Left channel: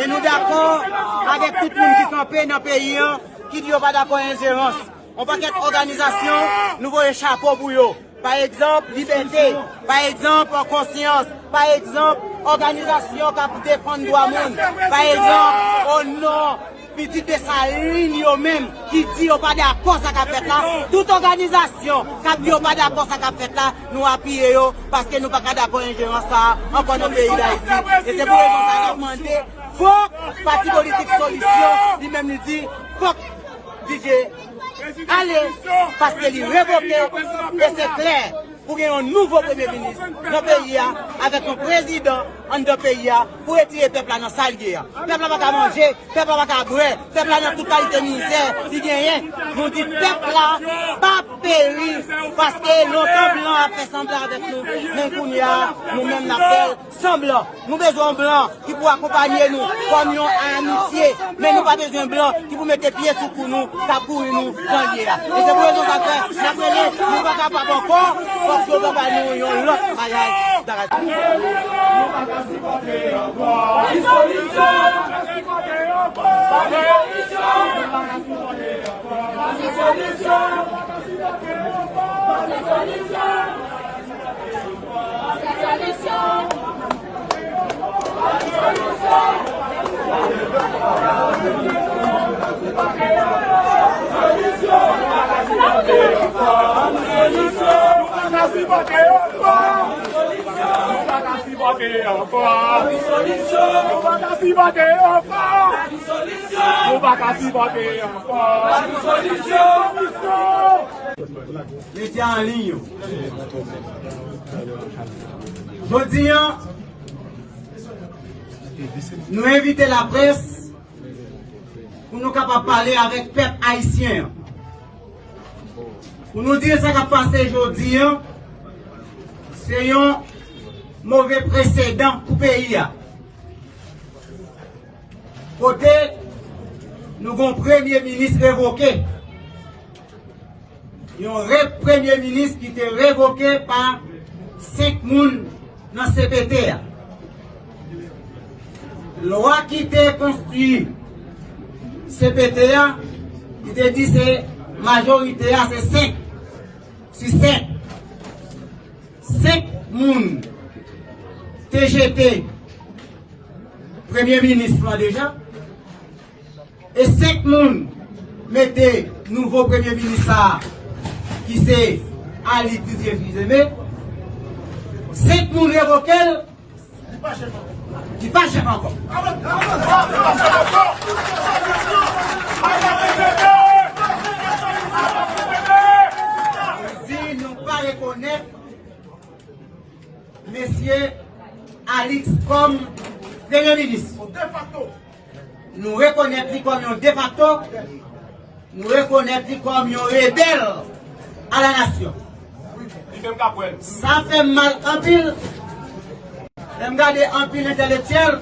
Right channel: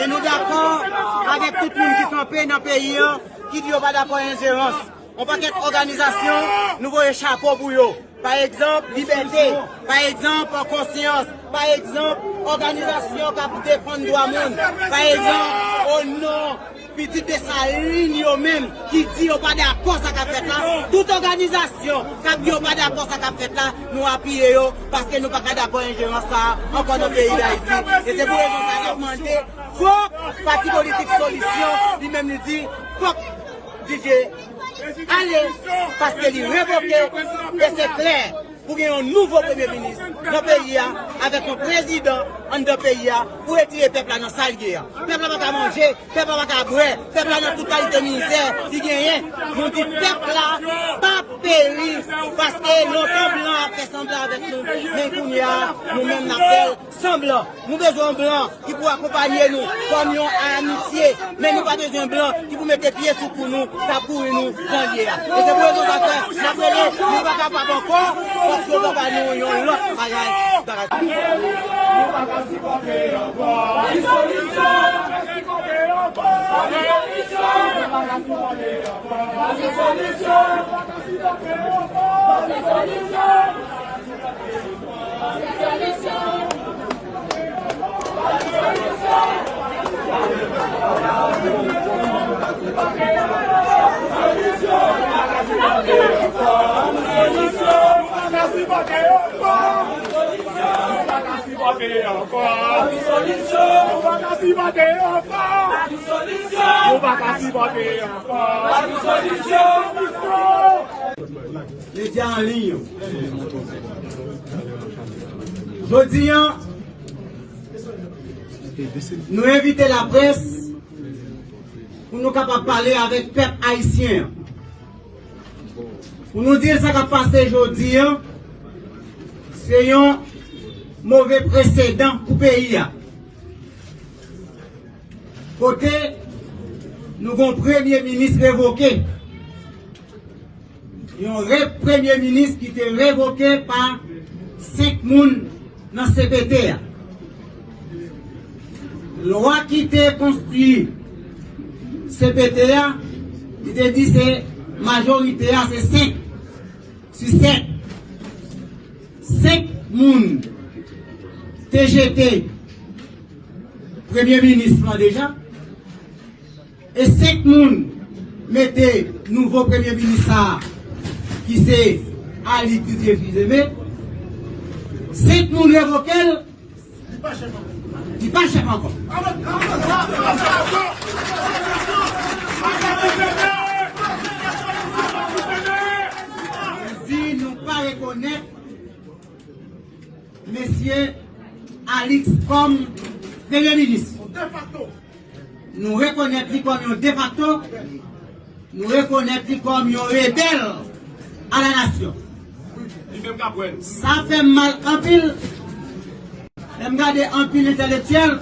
Et nous d'accord avec tout le monde qui campait dans le pays, qui dit pas d'accord ingérence. On va faire organisation, nous voyons chapeau pour eux. Par exemple, liberté, par exemple, conscience, par exemple, organisation qui défend le droit monde, par exemple, au nom petit de sa ligne même qui dit pas d'accord ça qu'a fait là, toute organisation qui dit pas d'accord ça qu'a fait là, nous appuyons parce que nous pas d'accord ingérence ça encore dans le pays d'Haïti. Et c'est pour ça qu'on a demandé, faut parti politique solution, lui-même nous dit, faut DJ, allez, parce qu'il est révoqué et c'est clair. Pour qu'il y ait un nouveau Premier ministre dans le pays, avec un président dans le pays, pour retirer le peuple dans la salle. Le peuple n'a pas à manger, le peuple n'a pas à boire, le peuple n'a pas toute qualité ministère. Si rien, nous disons que le peuple n'a pas péri parce que l'autre blanc a fait semblant avec nous. Mais nous-mêmes, nous avons fait semblant. Nous avons besoin de blanc qui pour accompagner nous, comme nous en amitié. Mais nous n'avons pas besoin de blanc qui pour mettre pieds sous pour nous, pour nous dans le Et c'est pour nous que nous ne sommes pas capables encore. Nous ne sommes pas J'étais en ligne. Je dis, nous invitons la presse pour nous capables de parler avec le peuple haïtien. Pour nous dire ce qui a passé aujourd'hui, c'est un mauvais précédent pour le pays. Côté, nous avons un premier ministre révoqué. Un premier ministre qui était révoqué par 5 personnes dans le CPT. La loi qui était construite, CPT, il était dit que c'est majorité, c'est 5. Si 5. 5 personnes TGT, Premier ministre déjà, et 5 personnes mettaient nouveau Premier ministre qui c'est Ali Didier Fils-Aimé. 5 personnes révoquées, il n'est pas chef encore. Si nous ne pas reconnaître Monsieur Alix comme Premier ministre. Nous reconnaissons comme un de facto, nous reconnaissons comme un rebelle à la nation. Ça fait mal en pile. Regardez en pile intellectuel,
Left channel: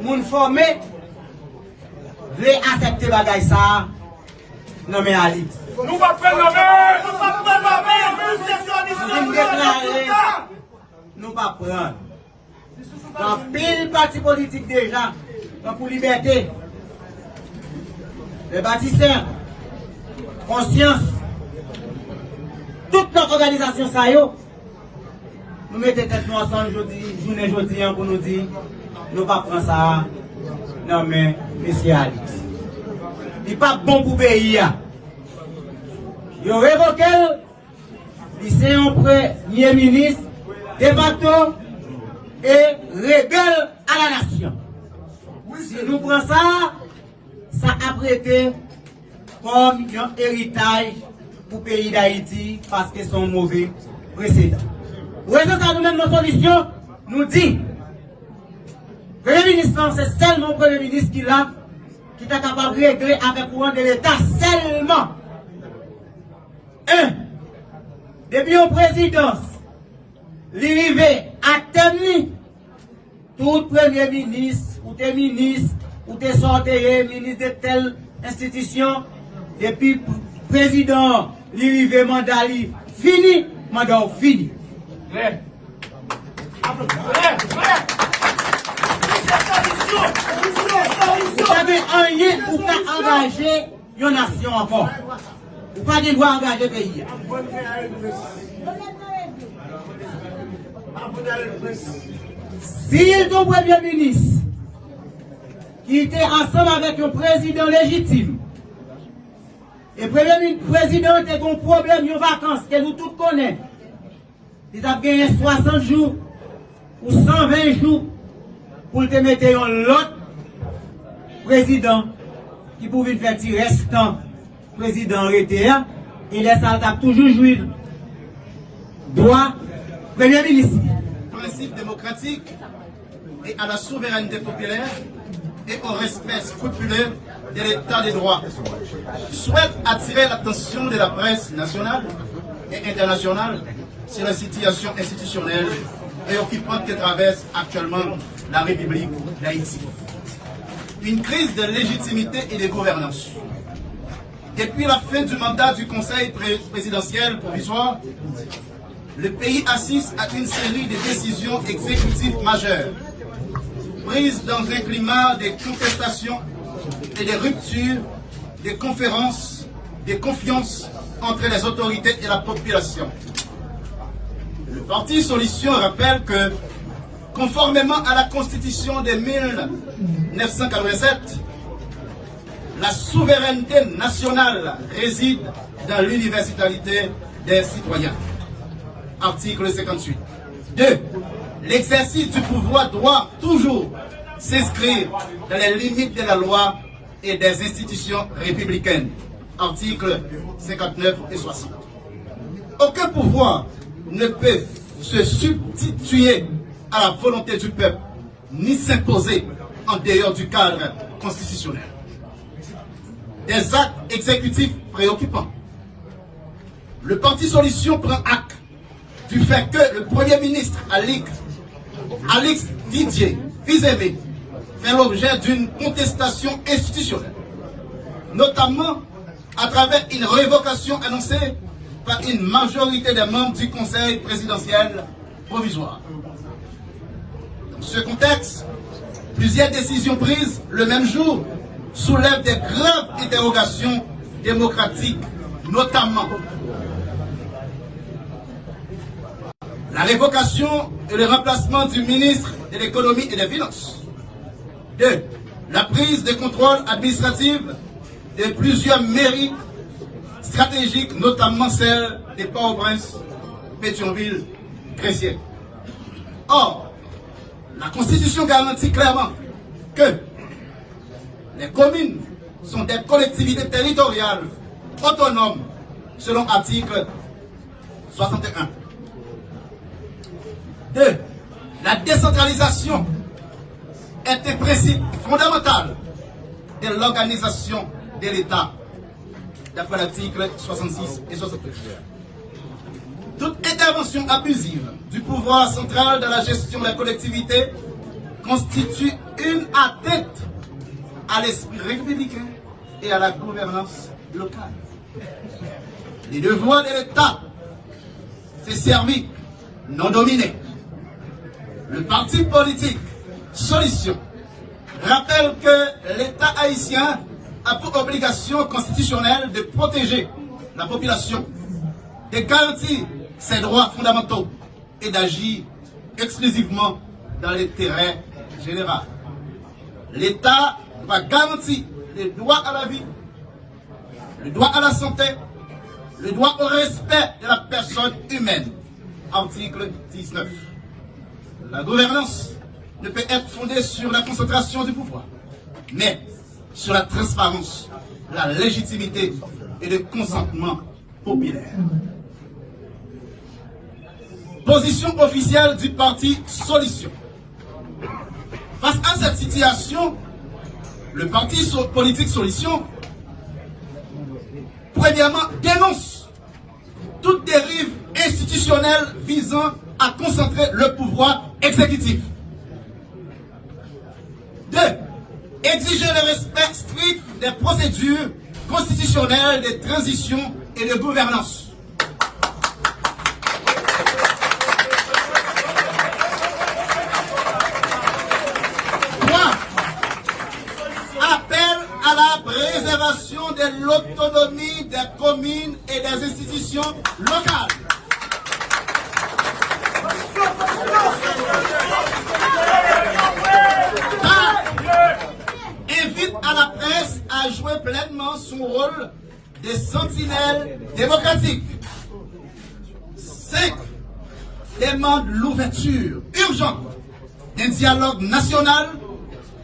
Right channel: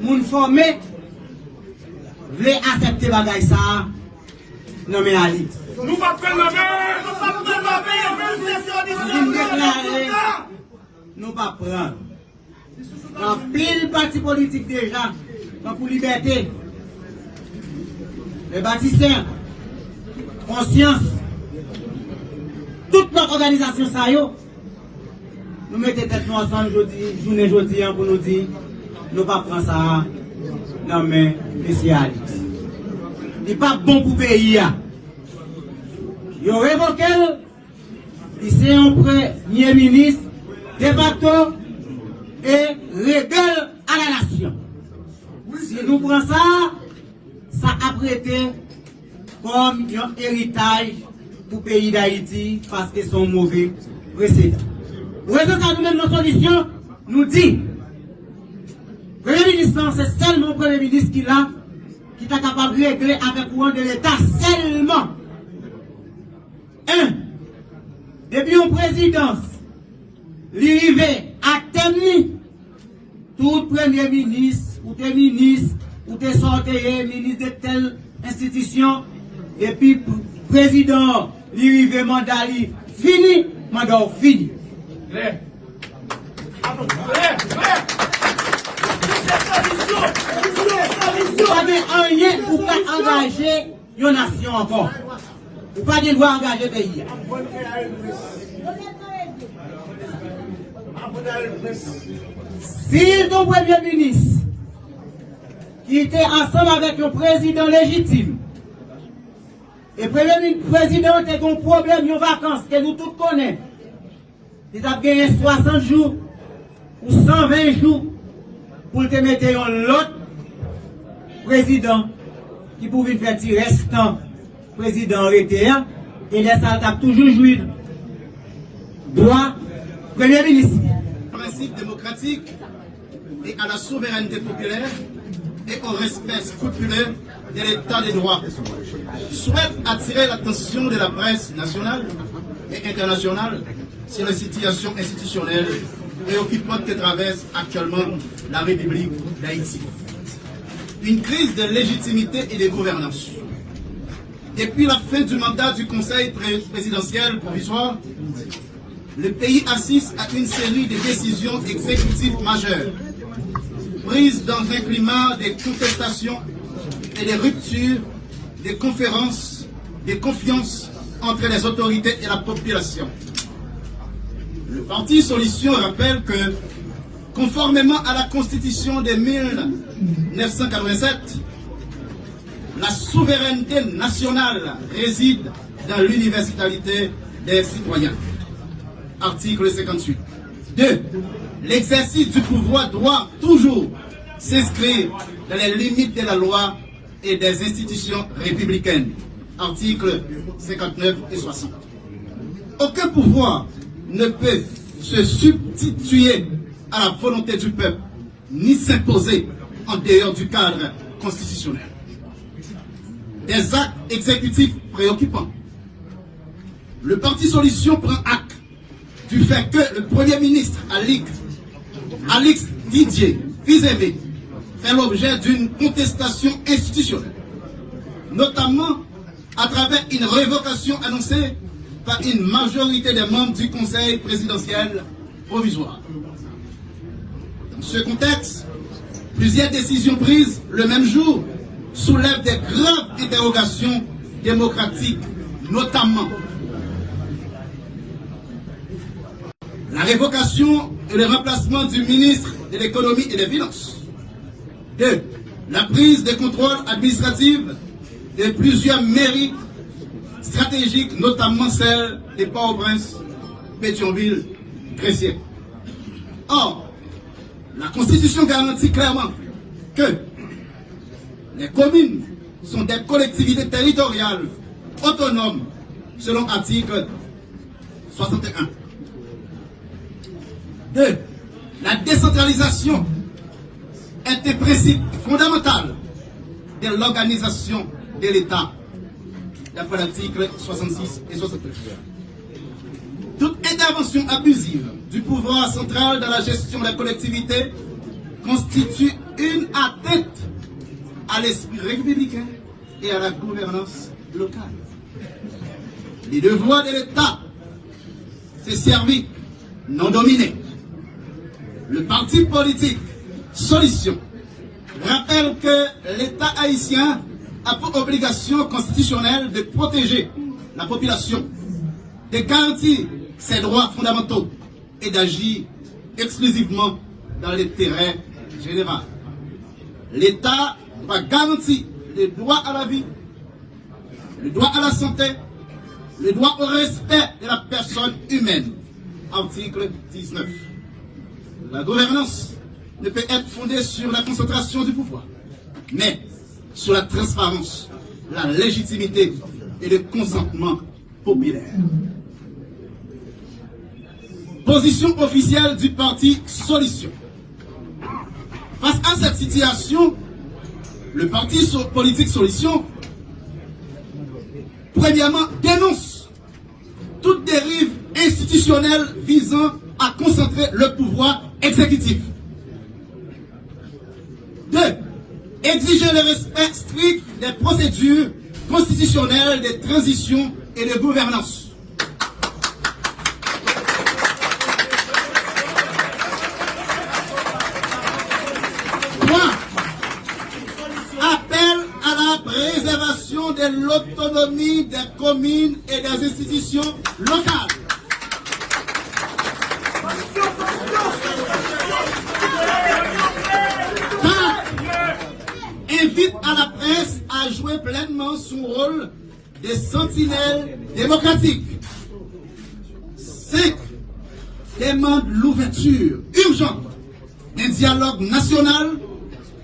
moun formé, veut accepter bagay ça, non mais Ali. Nous pas prendre nous pas prendre. En pile parti politique déjà, pour liberté, les bâtisseurs, conscience, toute notre organisation ça yo, nous mettons tête nous ensemble aujourd'hui pour nous dire, nous pas prendre ça, non mais, monsieur Ali. Il n'est pas bon pour le pays. Il révoqué, c'est un premier ministre, de facto, et rebelle à la nation. Si nous prenons ça, ça a prêté comme un héritage pour le pays d'Haïti parce que c'est un mauvais précédent. Pour ça, nous-mêmes, nos solutions nous dit, Premier ministre, c'est seulement le Premier ministre qui l'a, qui est capable de régler avec le courant de l'État seulement. Depuis une présidence, l'arrivée à terme, tout Premier ministre, ou des ministres, ou des sorteurs, ministres de telle institution, depuis président, l'arrivée mandat fini, mandat fini. Vous n'avez rien pour pas engager une nation encore. Vous n'avez pas de droit engager le pays. Si le Premier ministre qui était ensemble avec un président légitime, et le Premier président a un problème de vacances que nous tous connaissons, il a gagné 60 jours ou 120 jours pour te mettre l'autre président qui pouvait faire tirer restant président arrêté et les salles toujours joué droit Premier ministre. Principe démocratique et à la souveraineté populaire et au respect scrupuleux de l'état des droits. Je souhaite attirer l'attention de la presse nationale et internationale sur la situation institutionnelle préoccupante que traverse actuellement la République d'Haïti. Une crise de légitimité et de gouvernance. Depuis la fin du mandat du Conseil présidentiel provisoire, le pays assiste à une série de décisions exécutives majeures, prises dans un climat de contestation et de rupture, de conférences, de confiance entre les autorités et la population. Le parti Solution rappelle que, conformément à la Constitution de 1987, la souveraineté nationale réside dans l'universalité des citoyens. Article 58. 2. L'exercice du pouvoir doit toujours s'inscrire dans les limites de la loi et des institutions républicaines. Articles 59 et 60. Aucun pouvoir ne peut se substituer à la volonté du peuple, ni s'imposer en dehors du cadre constitutionnel. Des actes exécutifs préoccupants. Le parti Solution prend acte du fait que le Premier ministre Alix Didier Fils-Aimé fait l'objet d'une contestation institutionnelle, notamment à travers une révocation annoncée par une majorité des membres du Conseil présidentiel provisoire. Dans ce contexte, plusieurs décisions prises le même jour soulèvent des graves interrogations démocratiques, notamment la révocation et le remplacement du ministre de l'économie et des finances. 2. La prise de contrôle administratif de plusieurs mairies stratégiques, notamment celle de Port-au-Prince, Pétionville, Gressier. Or, la Constitution garantit clairement que les communes sont des collectivités territoriales autonomes selon l'article 61. 2. La décentralisation est un principe fondamental de l'organisation de l'État, d'après l'article 66 et 69. Toute intervention abusive du pouvoir central dans la gestion de la collectivité constitue une atteinte à l'esprit républicain et à la gouvernance locale. Les devoirs de l'État, c'est servir, non dominer. Le parti politique Solution rappelle que l'État haïtien a pour obligation constitutionnelle de protéger la population, de garantir ses droits fondamentaux et d'agir exclusivement dans l'intérêt général. L'État va garantir le droit à la vie, le droit à la santé, le droit au respect de la personne humaine. Article 19. La gouvernance ne peut être fondée sur la concentration du pouvoir, mais sur la transparence, la légitimité et le consentement populaire. Position officielle du parti Solution. Face à cette situation, le parti politique Solution, premièrement, dénonce toute dérive institutionnelle visant à concentrer le pouvoir exécutif. 2. Exiger le respect strict des procédures constitutionnelles de transition et de gouvernance. 3. Appel à la préservation de l'autonomie des communes et des institutions locales. 4. Invite à la presse à jouer pleinement son rôle de sentinelle démocratique. 5. Demande l'ouverture urgente d'un dialogue national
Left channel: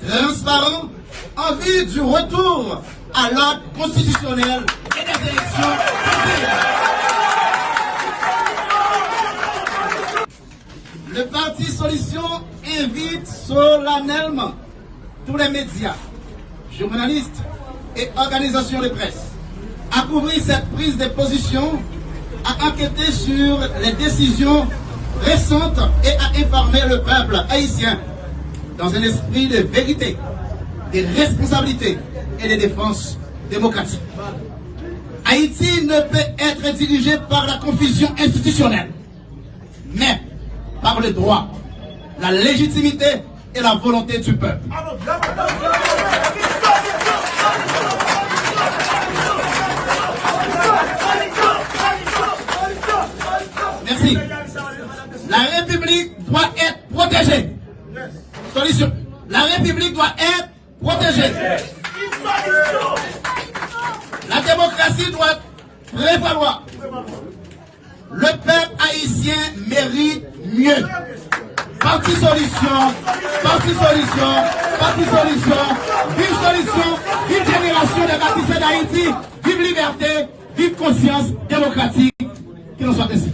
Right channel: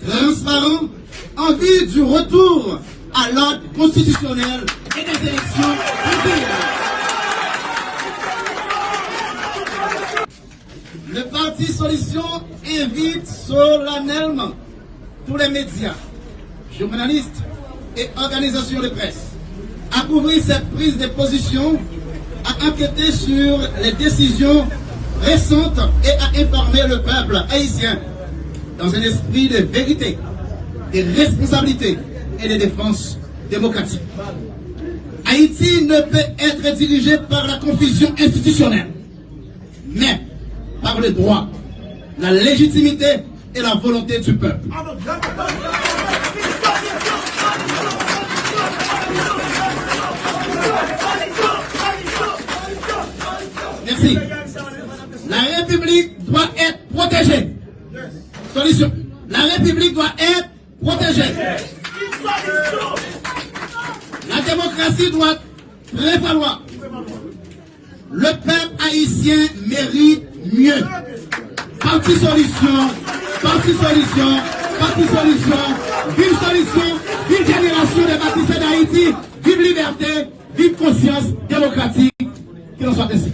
transparent en vue du retour à l'ordre constitutionnel et des élections populaires. Le parti Solution invite solennellement tous les médias, journalistes et organisations de presse à couvrir cette prise de position, à enquêter sur les décisions récentes et à informer le peuple haïtien dans un esprit de vérité, de responsabilité et de défense démocratique. Haïti ne peut être dirigé par la confusion institutionnelle, mais par le droit, la légitimité et la volonté du peuple. Merci. La République doit être protégée. Solution. La République doit être protégée. La démocratie doit prévaloir. Le peuple haïtien mérite mieux. Parti Solution, Parti Solution, Parti Solution, vive Solution, vive génération des bâtisseurs d'Haïti, vive liberté, vive conscience démocratique. Que l'on soit ainsi.